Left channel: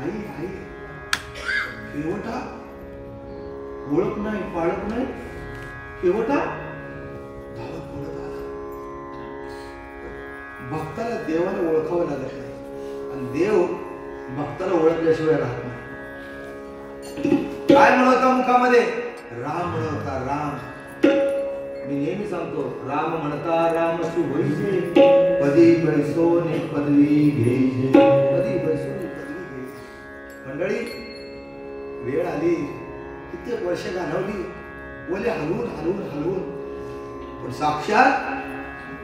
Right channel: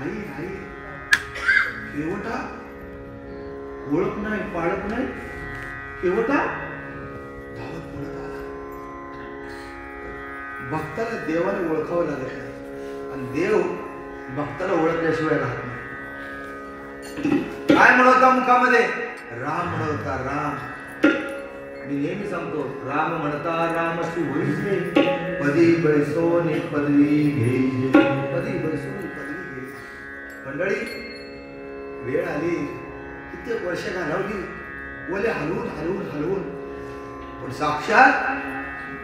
आई आई केवटा ओळख नाही पाळख नाही केवटा धावत पळत आला. भक्ताला देवाने ओळखावं लागत नाही आणि देव भक्ताला ओळखल्याशिवाय राहत नाही. काय म्हणता मुखामध्ये राम म्हणता राम. मी नेहमी सांगतो राम म्हणता राम सुभैसे पदी बैसोने पदवी घ्यायचे. पदी बैसोने पदवी घ्यायची. मंडळी वेळ आली कित्येक वर्ष घालवली बोले हलवून हलवून हलवून पण साक्षात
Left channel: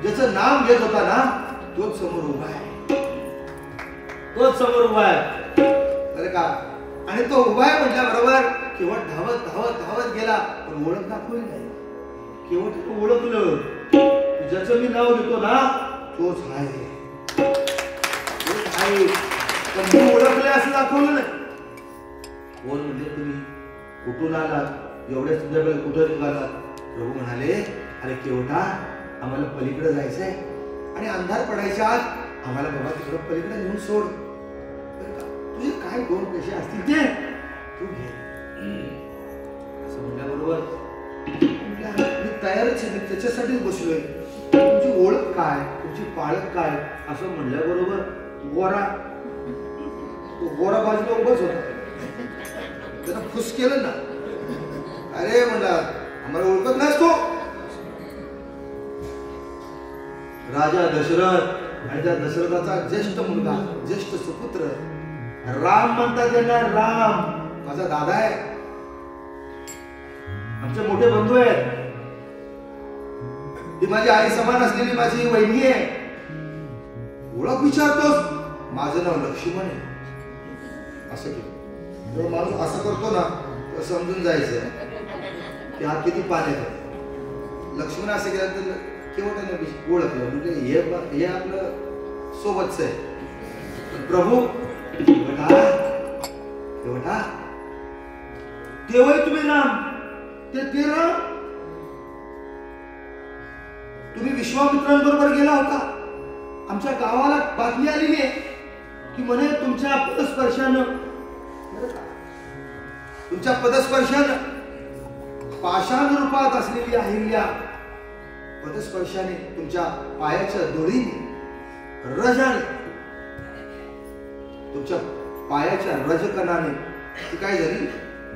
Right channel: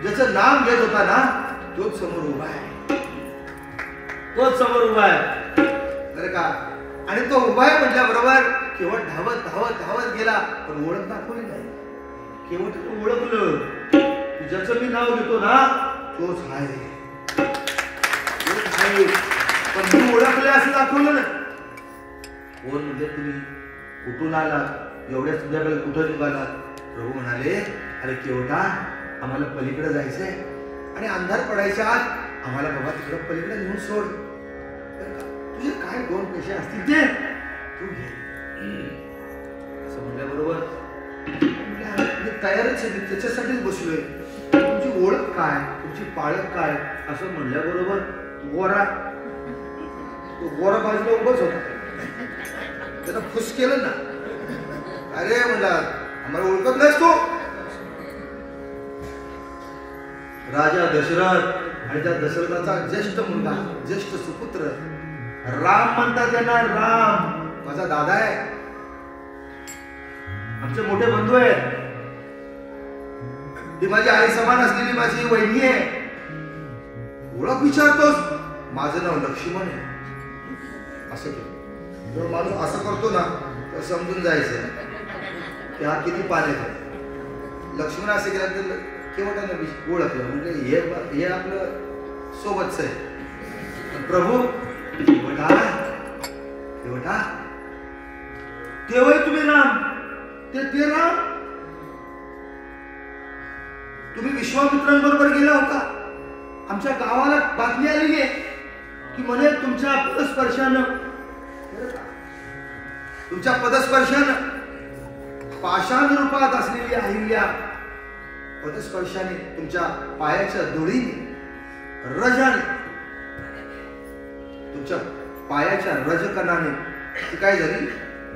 ज्याचं नाम घेत होता ना तोच समोर उभा आहे. तोच समोर उभा आहे बरं का. आणि तो उभा आहे म्हटल्याबरोबर केवळ धावत धावत धावत गेला पण ओळख दाखवली नाही. केवळ ओळखलं ज्याचं मी नाव घेतो ना तोच आहे पण मी ओळखले असं दाखवलं नाही. कोण म्हणजे तुम्ही कुठून आलात एवढ्या तुझ्याकडे कुठं निघालात. प्रभू म्हणाले अरे केवटा आम्हाला पलीकडे जायचंय आणि अंधार पडायच्या आत आम्हाला बाबा तिकडे पलीकडे नेऊन सोड. तुझे काय 2 पैसे असतील ते तू घे असं म्हणल्याबरोबर मी तयारच आहे. मी त्याच्यासाठीच बसलोय. तुमची ओळख काय तुमची पाळख काय असं म्हणल्याबरोबर गोरा बाजूला उभाच होता. त्याला फुस केलं ना. अरे म्हणला आम्हाला ओळखत नाहीस तो. राजा दशरथ आणि त्या दशरथाचा ज्येष्ठ मुलगा ज्येष्ठ सुपुत्र राम म्हणतात त्यांना. राम माझा दादा आहे. आमचे मोठे बंधू आहेत. ती माझी आई समान असलेली माझी वहिनी आहे. ओळख विचारतोस. माझं नाव लक्ष्मण आहे. असं केलं तर माणूस असं करतो ना तर समजून जायचं की हा किती पाण्यात आहे. लक्ष्मण असं केलं तर केवटानं ओळखलं म्हणजे हे आपलं सोबतच आहे. प्रभू केवटा तेव्हाही तुम्ही राम ते राम तुम्ही विश्वामित्रांबरोबर गेला होता. आमच्या गावाला बातमी आली आहे की म्हणे तुमच्या पदस्पर्शानं पाषाण रूपात असलेली अहिल्या पदस्पर्शाने तुमच्या पायाच्या धुळीने रजाने तुमच्या पायाच्या रजकणाने ती काय झाली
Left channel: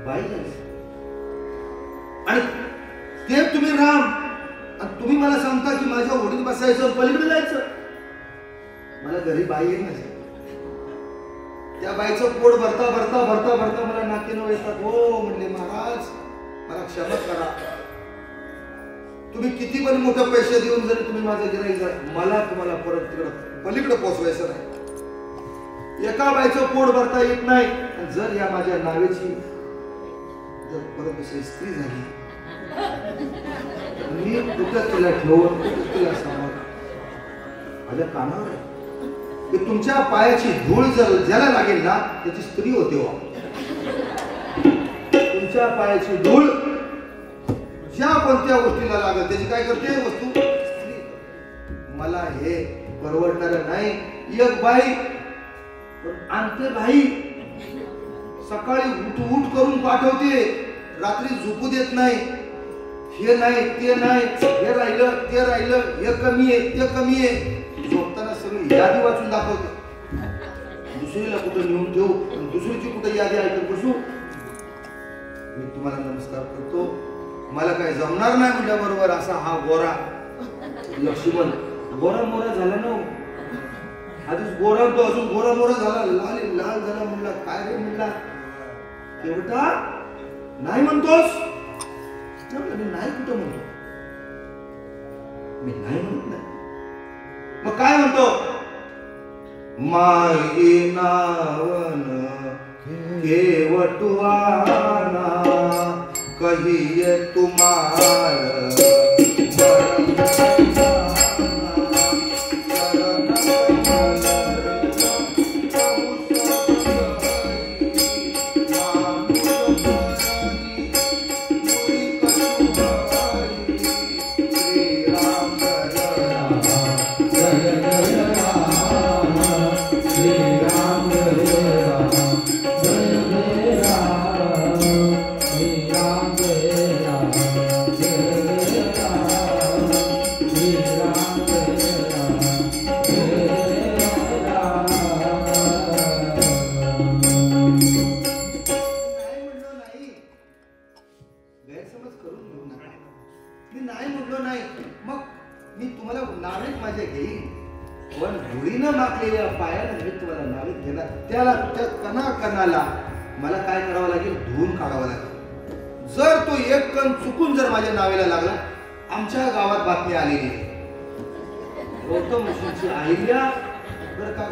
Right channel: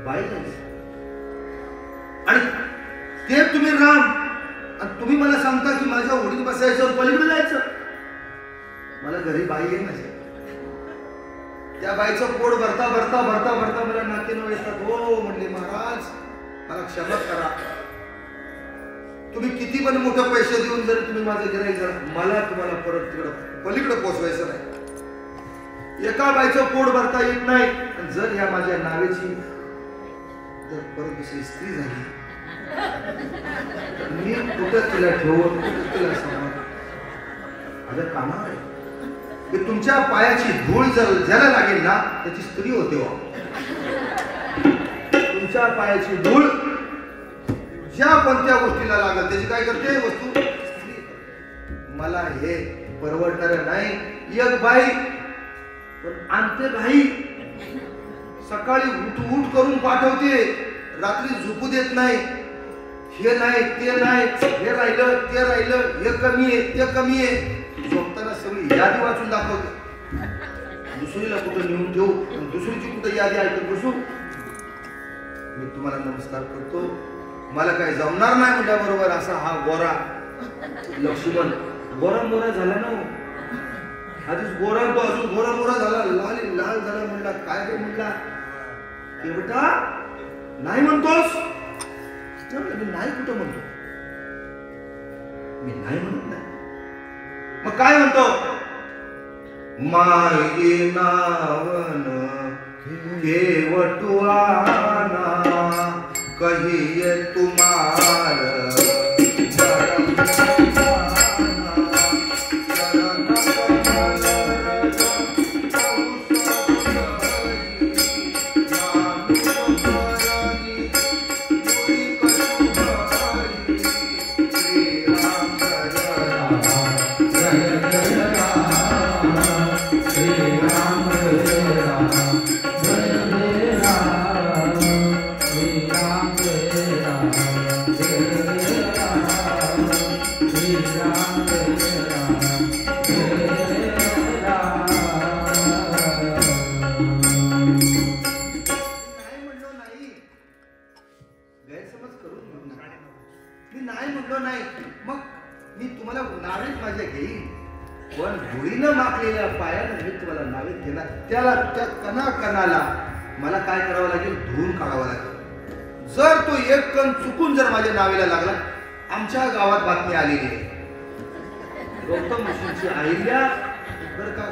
बाई झाली. आणि ते तुम्ही राम आणि तुम्ही मला सांगता की माझ्या ओढीत बसायचं पलीकडे जायचं. मला घरी बाई आहे माझ्या. त्या बाईचं पोट भरता भरता भरता भरता मला नाकेनं येतात. हो म्हणले महाराज मला क्षमा करा. तुम्ही किती पण मोठे पैसे देऊन जरी तुम्ही माझं गिऱ्हाईक झाला मला तुम्हाला परत तिकडं पलीकडे पोहोचवायचं नाही. एका बाईचं पोट भरता येत नाही. आणि जर या माझ्या नावेची जर परत दुसरी स्त्री झाली मी कुठं तिला ठेवून कुठं तिला सांभाळ माझ्या कामावर आहे. तुमच्या पायाची धूळ ज्याला लागेल ना त्याची स्त्री होते. तुमच्या पायाची धूळ ज्या कोणत्या गोष्टीला लागेल त्याची काय करते वस्तू. मला हे परवडणार नाही. एक बाई आणते घाई सकाळी उठ करून पाठवते रात्री झोपू देत नाही. हे नाही ते नाही हे राहिलं ते राहिलं हे कमी आहे ते कमी आहे. झोपताना सगळी यादी वाचून दाखवते. दुसरीला कुठं नेऊन ठेवू आणि दुसरीची कुठं यादी ऐकत बसू. मी तुम्हाला नमस्कार करतो. मला काही जमणार नाही म्हटल्याबरोबर असा हा गोरा लक्ष्मण गोरा मोरा झाला ना. आधीच गोरा तो अजून गोरा मोरा झाला लाल झाला. म्हणला काय रे म्हणला केवटा नाही म्हणतोस. मी नाही कुठं म्हणतो. मी नाही म्हणत नाही. मग काय म्हणतो माई नावन केवटुआना कहिए तुम्हार त्या कणाकणाला मला काय करावं लागेल, धुवून काढावं लागेल. जर तो एक कण चुकून जर माझ्या नावेला लागला, आमच्या गावात बातमी आलेली आहे, गौतम ऋषींची अहिल्या बरं का,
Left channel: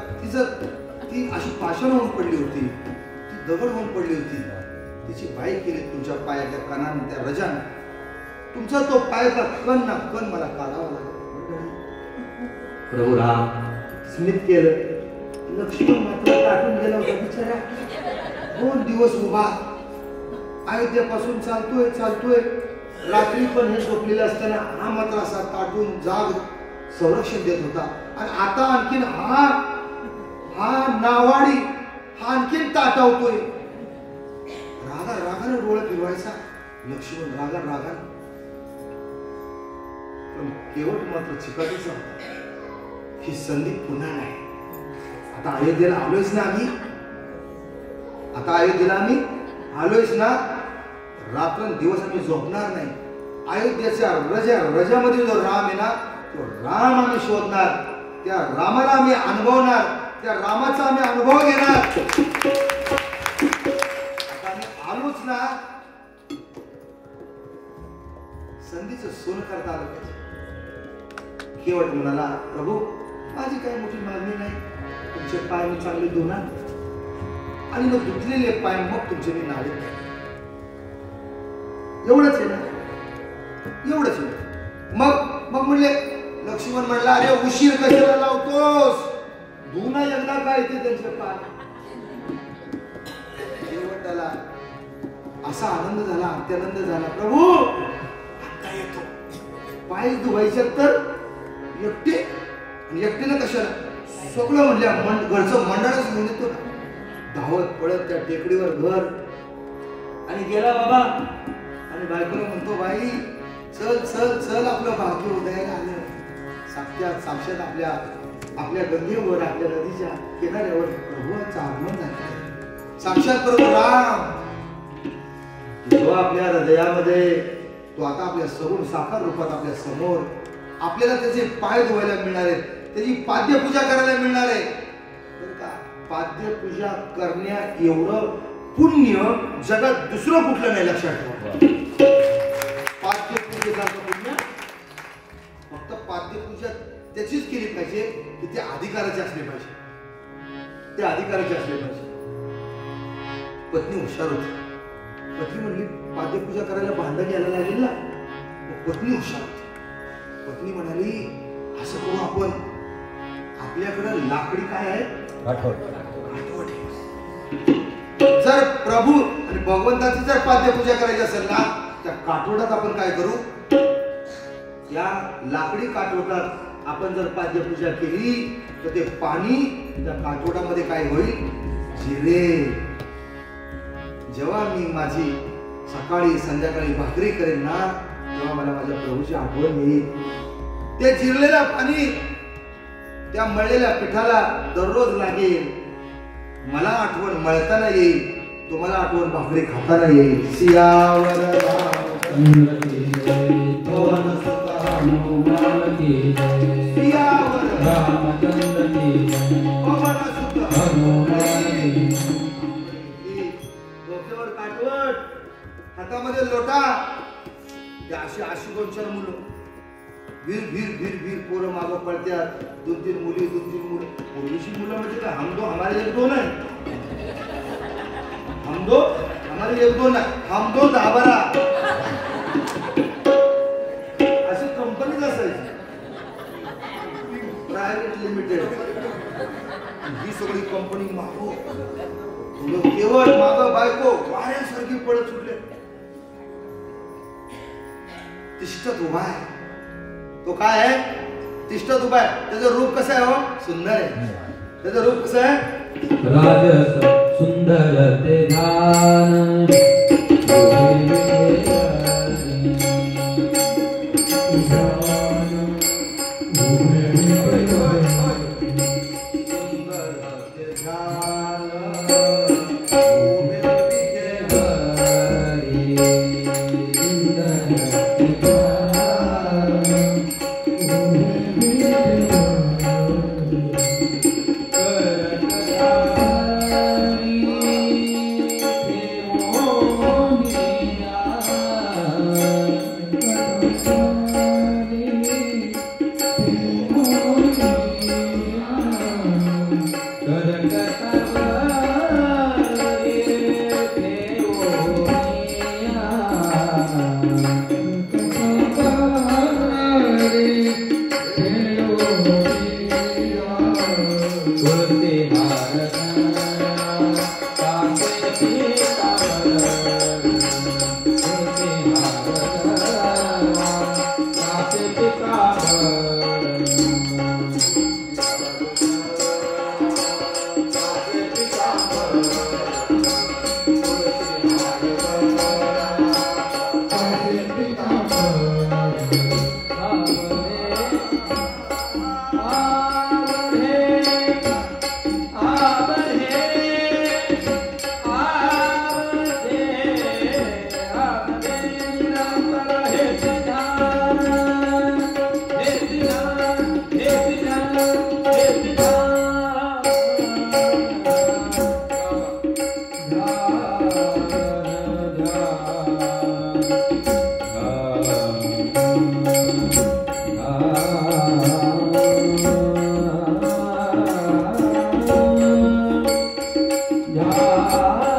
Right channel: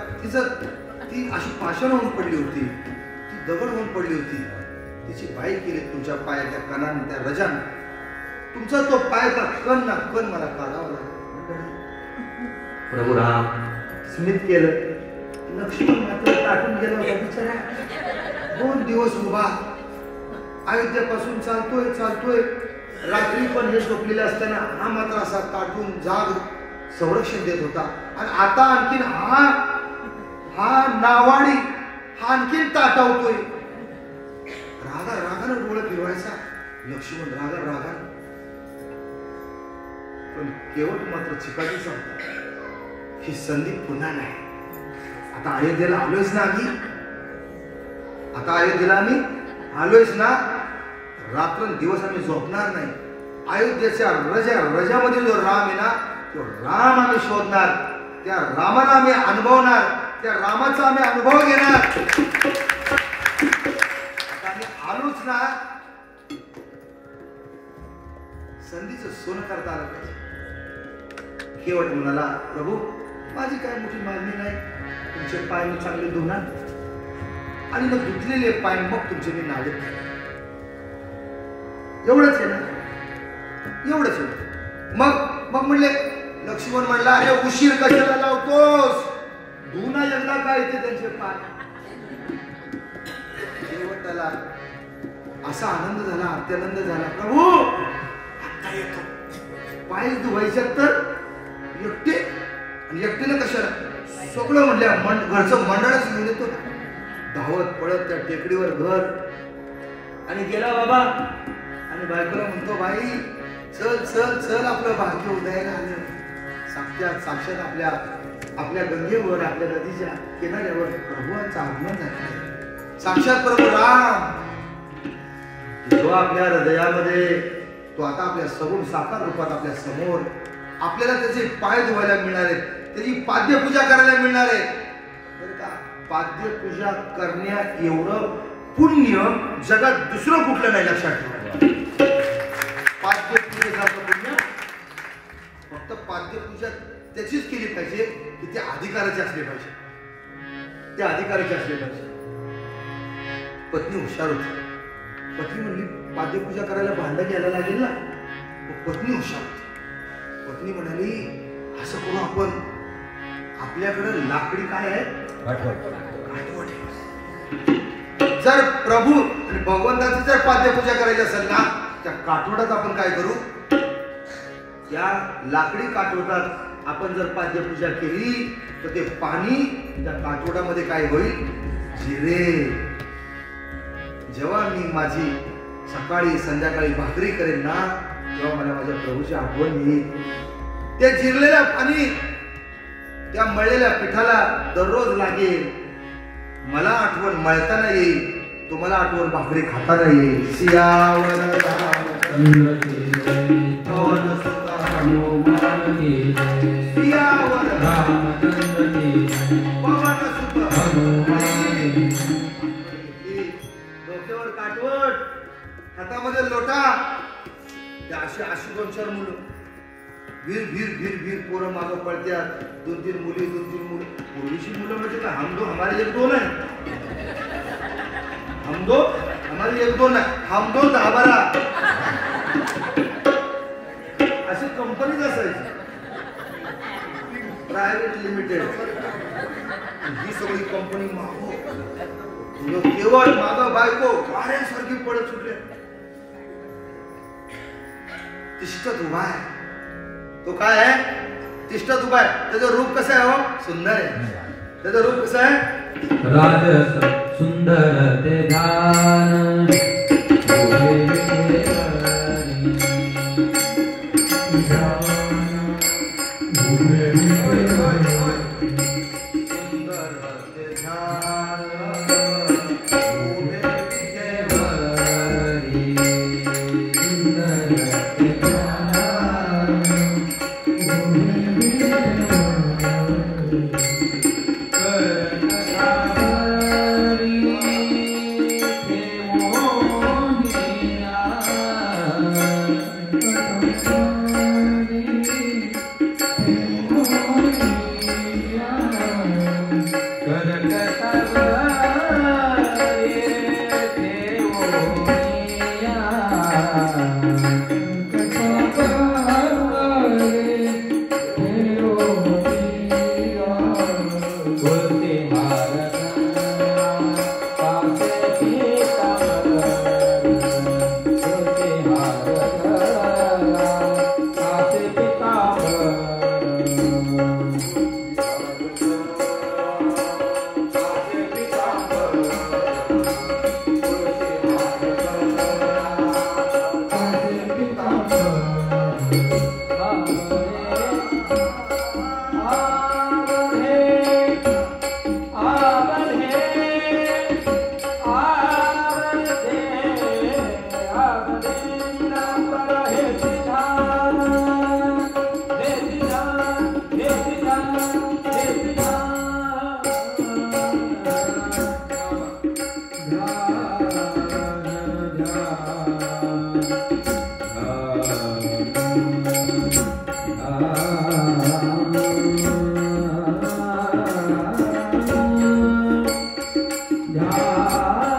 ती अशी पाषाण होऊन पडली होती, ती दगड होऊन पडली होती, तिची बाई केली तुमच्या पायाच्या कणानं, त्या रजानं. तुमचा तो पायाचा कण ना कण मला काढावा लागला. प्रभू राम स्मित केलं. लक्ष्मण मात्र टाकून गेला होता बिचारा. 2 दिवस उभा अयोध्येपासून चालतोय. रात्री पण हे झोपलेले असताना हा मात्र असा ताटून जाग संरक्षण देत होता. आणि आता आणखीन हा नावाडी हा आणखीन ताटावतोय. रागानं डोळे फिरवायचा लक्ष्मण, रागानं. पण केवळ मात्र चिकाटीच होता. ही संधी पुन्हा नाही. आता अयोध्येला आलोयच ना, रात्रंदिवस आम्ही झोपणार नाही. अयोध्येच्या रजामध्ये जो राम आहे ना, तो राम आम्ही शोधणार, त्या रामाला आम्ही अनुभवणार, त्या रामाचा आम्ही अनुभव घेणार. आता आम्ही आलोच ना, संधीचं सोनं करता आलं पाहिजे. केवट म्हणाला, प्रभू माझी काय मोठी मागणी नाही, तुमचे पाय मी चांगले धुणार आणि मग धुतलेले पाय मग तुमचे मी नावे. एवढंच आहे ना. मग म्हणले, लक्ष्मण म्हणला, अरे उशीर कशाला लावतोस, धुना एकदा काय येते त्यांचे पाय. केवटाला असा आनंद झाला, अत्यानंद झाला, प्रभू आता येतो. पाय धुवायचे तर एकटीनं कशाला, सगळं म्हणल्या घरचं मंडळच घेऊन येतो. धावत पडत त्या टेकडीवर घर आणि गेला बाबा. आणि बायकोला म्हणतो, बाई चल आपलं भाग्य उदयाला आलं. साक्षात आपल्या गंगेवर, आपल्या नदीच्या किनाऱ्यावर प्रभूचं आगमन झालं. साक्षात प्रभू राम जो आपल्या हृदयामध्ये, तो आता आपल्या सगुण साकार रूपात आपल्या समोर. आपल्याला त्याचे पाय धुवायला मिळणार आहेत, त्याची पाद्यपूजा करायला मिळणार आहे. बरं का, पाद्यपूजा करण्या एवढं पुण्य जगात दुसरं कुठलं नाही, लक्षात ठेवा. पाद्यपूजेसारखं पुण्य फक्त पाद्यपूजा त्याचीच केली पाहिजे की त्या अधिकाराचे असले पाहिजे. पत्नी हुशार होती. पत्नी म्हणली, पाद्यपूजा करायला भांडं घ्यायला लागेल ना. पत्नी हुशार होती. पत्नी म्हणाली, असं करू आपण, आपल्याकडे लाकडी काय आहे, आठवट. जर प्रभू आणि भगवंताची जर पाद्यपूजा करायची असेल ना, त्या काठोटात आपण काय करू, या लाकडी काठोटात आपण जर पाद्यपूजा केली तर ते पाणी त्या काठोटामध्ये काय होईल, जिरेल. जेव्हा मी माझी सकाळी संध्याकाळी भाकरी करेन ना, तेव्हा मला माझ्या प्रभूची आठवण येईल. ते जिरलेल्या पाणी त्या मळलेल्या पिठाला दररोज लागेल. मला आठवण मळताना येईल, तुम्हाला आठवण भाकरी खाताना येईल. सियावर डोक्यावर काठवट, हातामध्ये लोटा. अशी 2-4 मुलं भीर पोरं मागं पडत्यात. 2-3 मुली. पूर्वीची मुलं म्हणजे काय, हम दो हमारे 1-2 आहे, हम दो हमारे 1-2 आहे, हम दो 10-12 अशी कंपनीच असायची, प्रायव्हेट लिमिटेड. ही सगळी कंपनी मागो केवळ मागं बायको वाऱ्यासारखी पडत सुटले. तिष्ठत उभा आहे. तो काय आहे, तिष्ठत उभा आहे. त्याचं रूप कसं आहे, हो सुंदर आहे. त्याचं रूप कसं आहे, राजस सुंदर ते ध्यान. Hare